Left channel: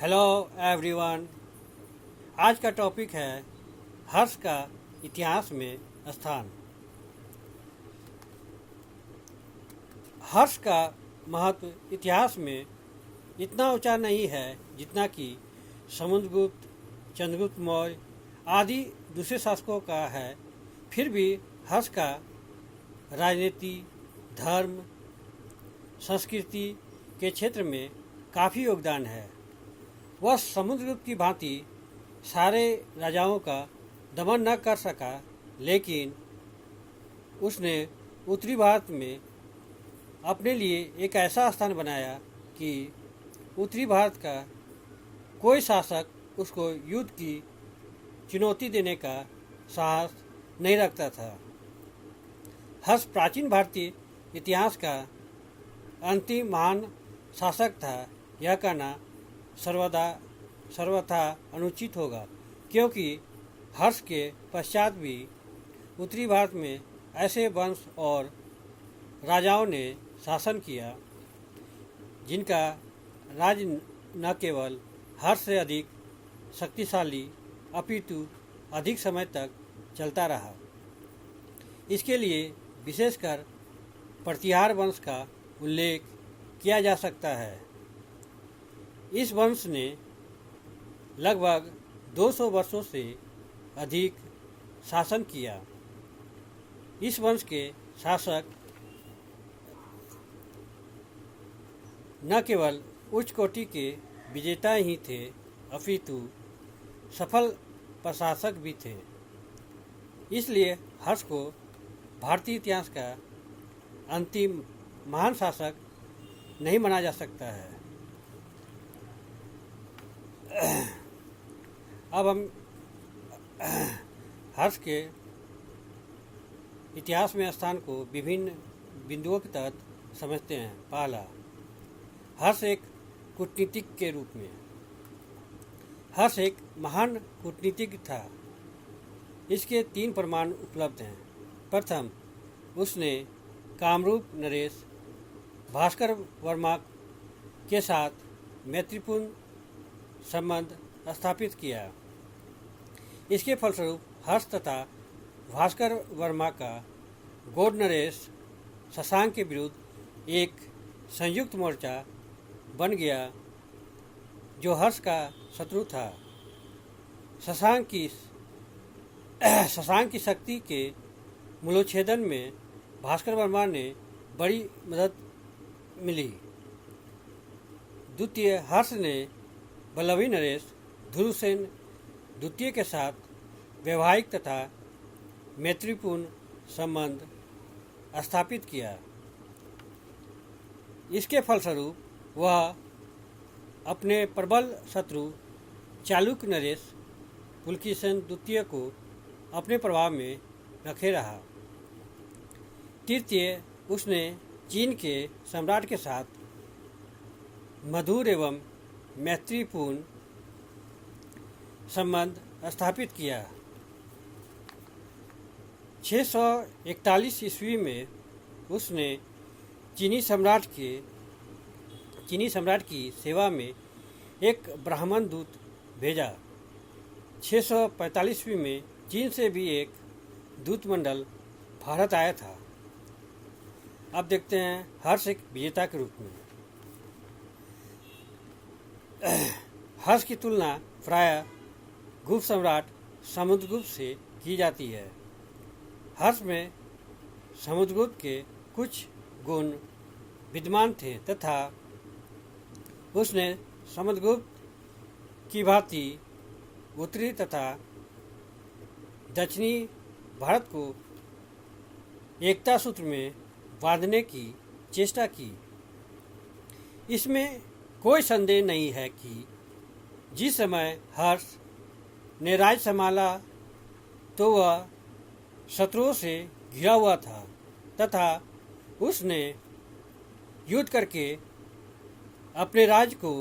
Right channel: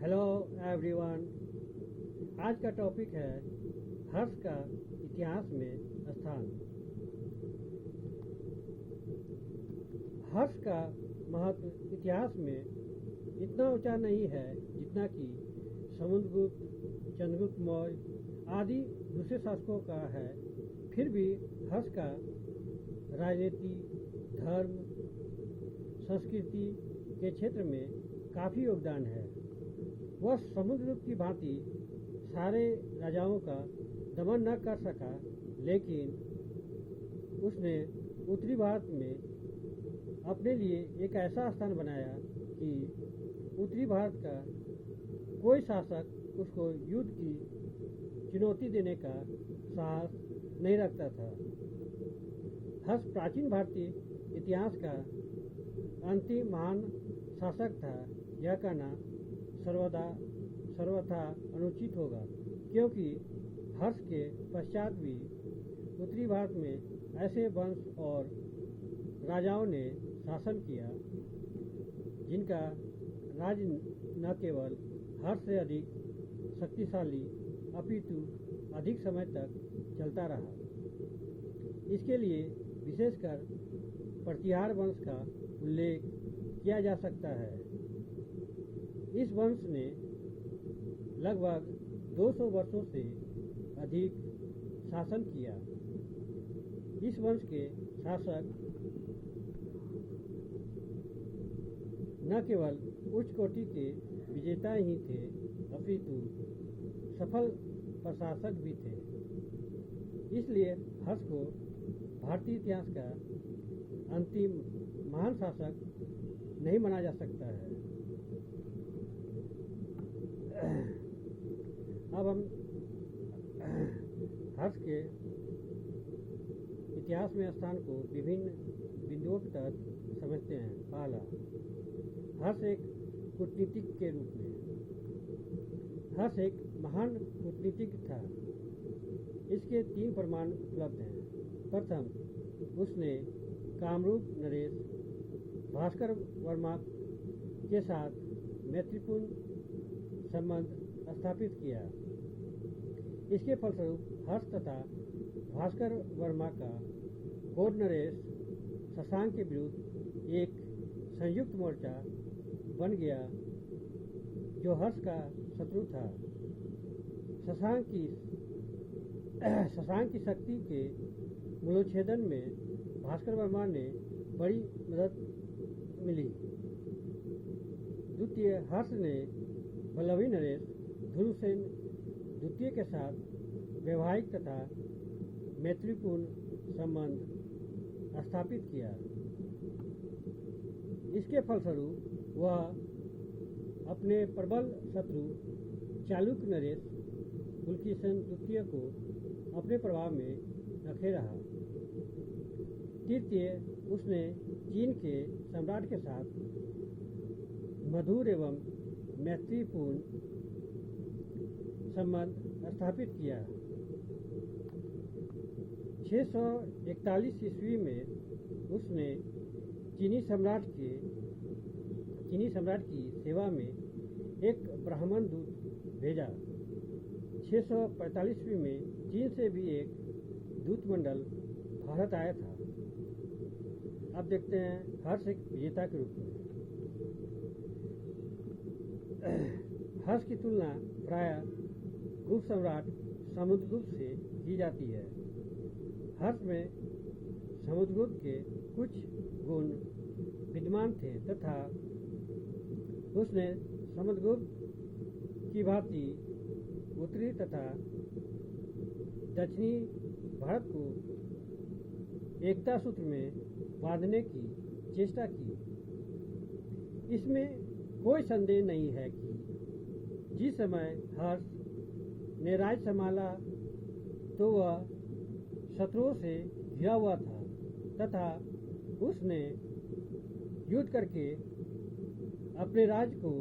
Hello everyone. आज का topic है हर्ष का इतिहास में स्थान। हर्ष का महत्व इतिहास में इतना ऊंचा नहीं है जितना कि समुद्रगुप्त, चंद्रगुप्त मौर्य आदि दूसरे शासकों का है। फिर भी हर्ष का राजनीति, धर्म, संस्कृति के क्षेत्र में काफ़ी योगदान है। वह समुद्रगुप्त की भांति सारे राजाओं का दमन न कर सका, लेकिन उसने उत्तरी भारत में अपने लिए एक ऐसा स्थान बनाया कि उत्तरी भारत का कोई शासक उसको युद्ध की चुनौती देने का साहस नहीं रखता था। हर्ष प्राचीन भारतीय इतिहास का अंतिम महान शासक था। यह कहना सर्वथा अनुचित होगा, क्योंकि हर्ष के पश्चात भी उत्तरी भारत में ऐसे वंश और राजाओं ने शासन किया जिनका राज न केवल हर्ष से अधिक शक्तिशाली अपितु अधिक समय तक चलता रहा। इसके लिए विशेषकर प्रतिहार वंश का उल्लेख किया जा सकता है। इस वंश ने लगभग 200 वर्षों से अधिक शासन किया। इस वंश के शासक न केवल उच्च कोटि के विजेता ही थे, अपितु सफल प्रशासक भी थे। इसलिए हर्ष को भारतीय इतिहास का अंतिम महान शासक नहीं माना जा सकता है। अब हम हर्ष के इतिहास में स्थान को विभिन्न बिंदुओं के तहत समझते हैं। पहला, हर्ष एक कूटनीतिक के रूप में। हर्ष एक महान कूटनीतिज्ञ था। इसके 3 प्रमाण उपलब्ध हैं। प्रथम, उसने कामरूप नरेश भास्कर वर्मा के साथ मैत्रीपूर्ण संबंध स्थापित किया। इसके फलस्वरूप हर्ष तथा भास्कर वर्मा का गौड़ नरेश शशांक के विरुद्ध एक संयुक्त मोर्चा बन गया, जो हर्ष का शत्रु था। शशांक की शक्ति के मूलोच्छेदन में भास्कर वर्मा ने बड़ी मदद मिली। द्वितीय, हर्ष ने बल्लभी नरेश धुरूसेन द्वितीय के साथ वैवाहिक तथा मैत्रीपूर्ण संबंध स्थापित किया। इसके फलस्वरूप वह अपने प्रबल शत्रु चालुक्य नरेश पुलकेशिन द्वितीय को अपने प्रभाव में रखे रहा। तृतीय, उसने चीन के सम्राट के साथ मधुर एवं मैत्रीपूर्ण संबंध स्थापित किया। 641 ईस्वी में उसने चीनी सम्राट की सेवा में एक ब्राह्मण दूत भेजा। 645 ईस्वी में चीन से भी एक दूतमंडल भारत आया था। अब देखते हैं हर्ष एक विजेता के रूप में। हर्ष की तुलना प्रायः गुप्त सम्राट समुद्रगुप्त से की जाती है। हर्ष में समुद्रगुप्त के कुछ गुण विद्यमान थे तथा उसने समुद्रगुप्त की भांति उत्तरी तथा दक्षिणी भारत को एकता सूत्र में बांधने की चेष्टा की। इसमें कोई संदेह नहीं है कि जिस समय हर्ष ने राज्य संभाला तो वह शत्रुओं से घिरा हुआ था तथा उसने युद्ध करके अपने राज्य को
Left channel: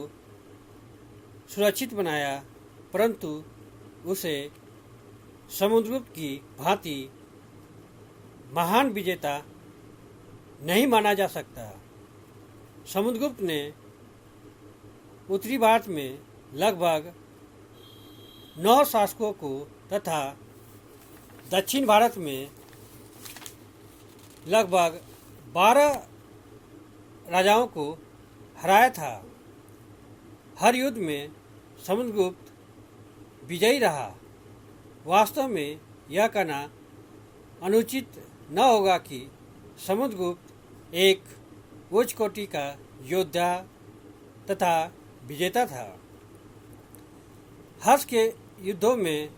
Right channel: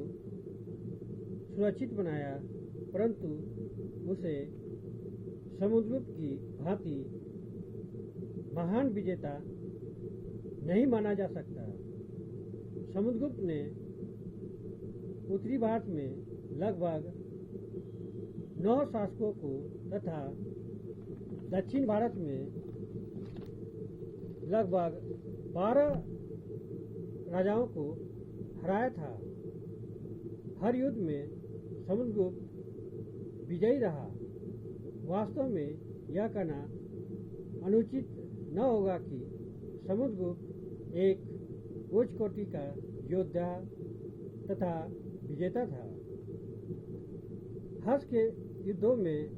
सुरक्षित बनाया, परंतु उसे समुद्रगुप्त की भांति महान विजेता नहीं माना जा सकता। समुद्रगुप्त ने उत्तरी भारत में लगभग 9 शासकों को तथा दक्षिण भारत में लगभग 12 राजाओं को हराया था। हर युद्ध में समुद्रगुप्त विजयी रहा। वास्तव में यह कहना अनुचित न होगा कि समुद्रगुप्त एक उच्च कोटि का योद्धा तथा विजेता था। हर्ष के युद्धों में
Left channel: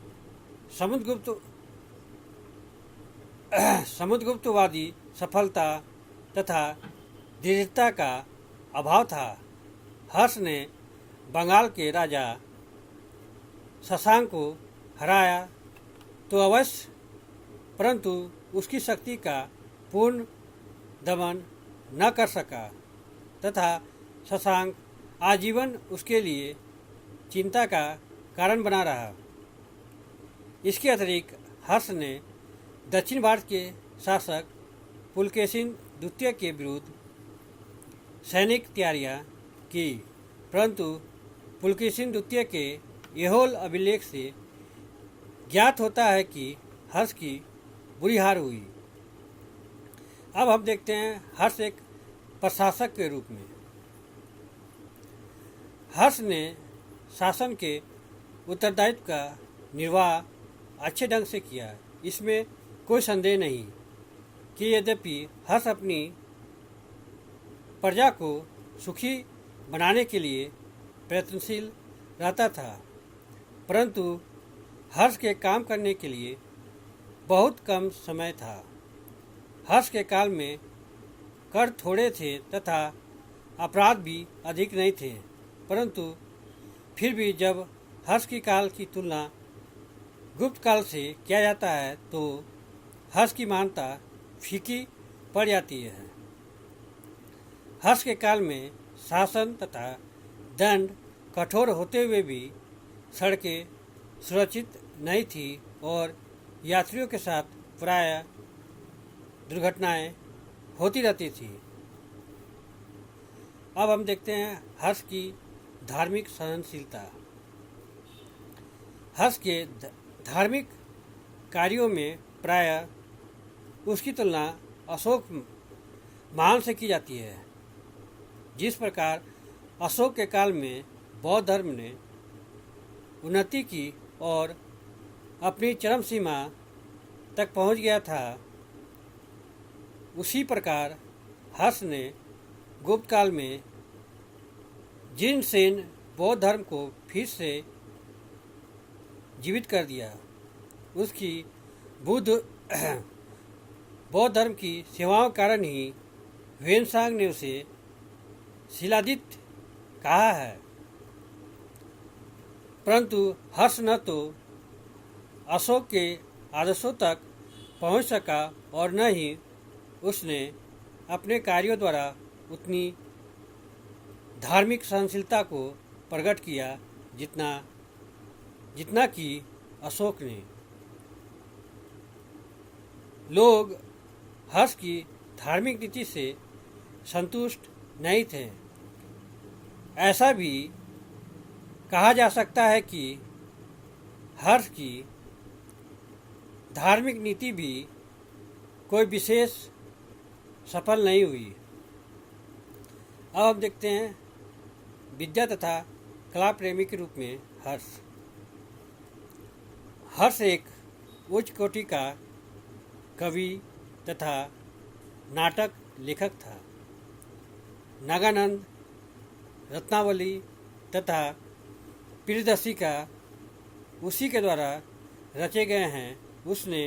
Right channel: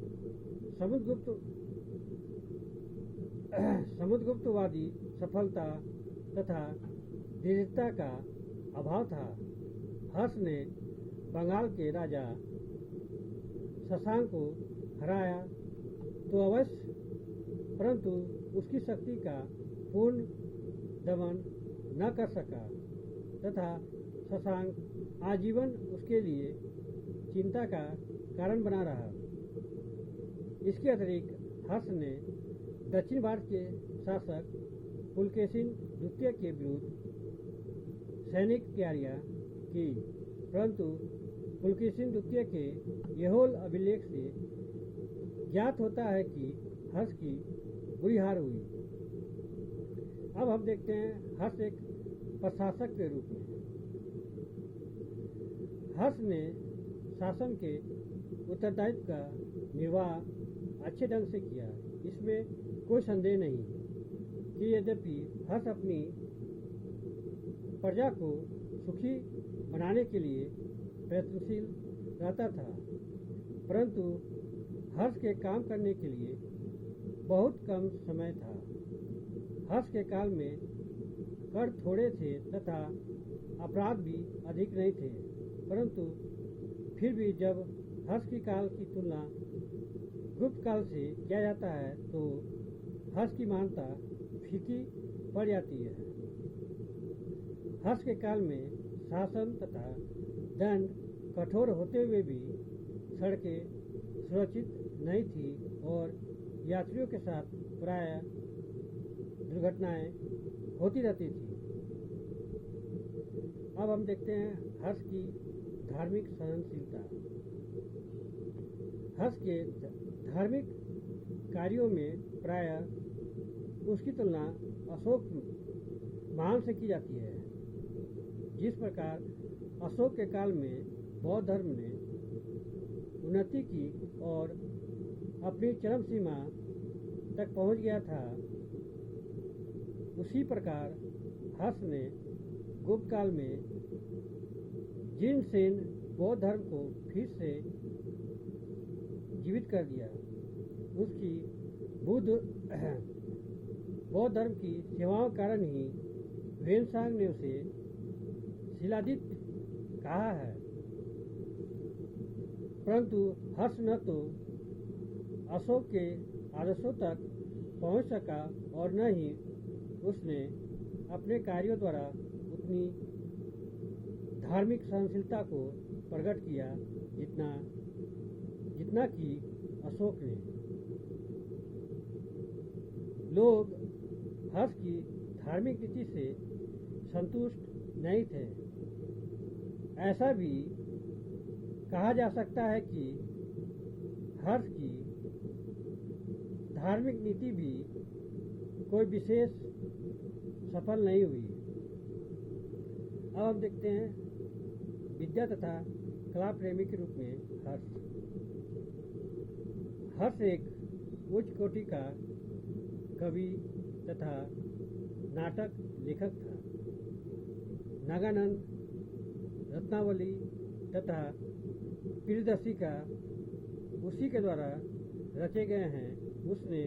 समुद्रगुप्तवादी सफलता तथा दृढ़ता का अभाव था। हर्ष ने बंगाल के राजा शशांक को हराया तो अवश्य, परंतु उसकी शक्ति का पूर्ण दमन न कर सका तथा शशांक आजीवन उसके लिए चिंता का कारण बना रहा। इसके अतिरिक्त हर्ष ने दक्षिण भारत के शासक पुलकेशिन द्वितीय के विरुद्ध सैनिक तैयारियां की, परंतु पुलकेशिन द्वितीय के ऐहोल अभिलेख से ज्ञात होता है कि हर्ष की बुरी हार हुई। अब हम देखते हैं हर्ष एक प्रशासक के रूप में। हर्ष ने शासन के उत्तरदायित्व का निर्वाह अच्छे ढंग से किया। इसमें कोई संदेह नहीं कि यद्यपि हर्ष अपनी प्रजा को सुखी बनाने के लिए प्रयत्नशील रहता था, परंतु हर्ष के काम करने के लिए बहुत कम समय था। हर्ष के काल में कर थोड़े थे तथा अपराध भी अधिक नहीं थे, परंतु फिर भी जब हर्ष की काल की तुलना गुप्त काल से किया जाता है तो हर्ष की महानता फीकी पड़ जाती है। हर्ष के काल में शासन तथा दंड कठोर होते हुए भी सड़कें सुरक्षित नहीं थी और यात्रियों के साथ प्रायः दुर्घटनाएं होती रहती थी। अब हम देखते हैं हर्ष की धार्मिक सहनशीलता। हर्ष के धार्मिक कार्यों में प्रायः उसकी तुलना अशोक महान से की जाती है। जिस प्रकार अशोक के काल में बौद्ध धर्म ने उन्नति की और अपनी चरम सीमा तक पहुंच गया था, उसी प्रकार हर्ष ने गुप्त काल में जिन सेन बौद्ध धर्म को फिर से जीवित कर दिया। उसकी बौद्ध धर्म की सेवाओं के कारण ही ह्वेनसांग ने उसे शिलादित्य कहा है, परंतु हर्ष न तो अशोक के आदर्शों तक पहुंच सका और न ही उसने अपने कार्यों द्वारा उतनी धार्मिक सहनशीलता को प्रकट किया जितना कि अशोक ने। लोग हर्ष की धार्मिक नीति से संतुष्ट नहीं थे। ऐसा भी कहा जा सकता है कि हर्ष की धार्मिक नीति भी कोई विशेष सफल नहीं हुई। अब हम देखते हैं विद्या तथा कला प्रेमी के रूप में हर्ष। हर्ष एक उच्च कोटि का कवि तथा नाटक लेखक था। नागानंद, रत्नावली तथा प्रियदर्शी का उसी के द्वारा रचे गए हैं। उसने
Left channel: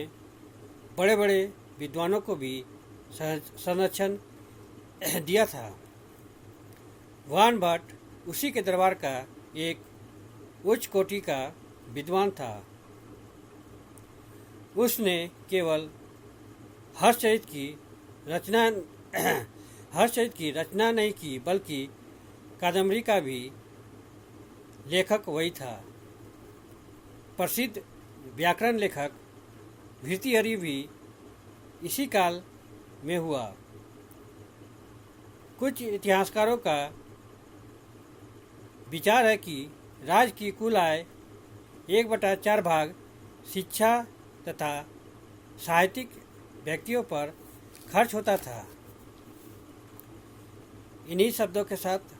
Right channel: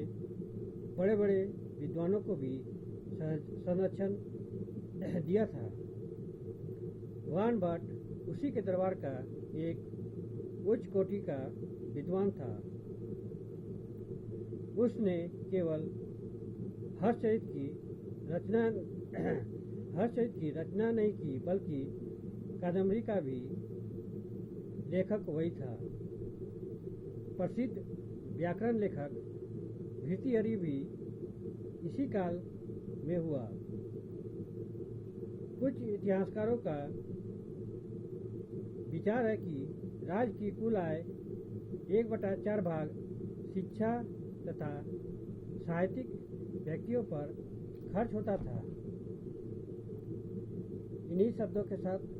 बड़े बड़े विद्वानों को भी संरक्षण दिया था। वान भट्ट उसी के दरबार का एक उच्च कोटि का विद्वान था। उसने केवल हर्षचरित की रचना नहीं की, बल्कि कादम्बरी का भी लेखक वही था। प्रसिद्ध व्याकरण लेखक भर्तृहरि भी इसी काल में हुआ। कुछ इतिहासकारों का विचार है कि राज्य की कुल आय 1/4 भाग शिक्षा तथा साहित्यिक व्यक्तियों पर खर्च होता था। इन्हीं शब्दों के साथ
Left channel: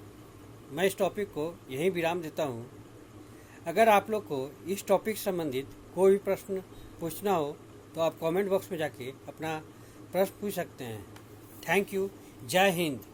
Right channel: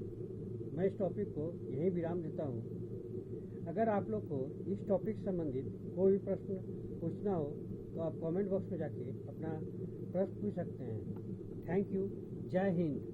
मैं इस टॉपिक को यहीं विराम देता हूँ। अगर आप लोग को इस टॉपिक से संबंधित कोई भी प्रश्न पूछना हो तो आप कमेंट बॉक्स में जाके अपना प्रश्न पूछ सकते हैं। Thank you. जय हिंद।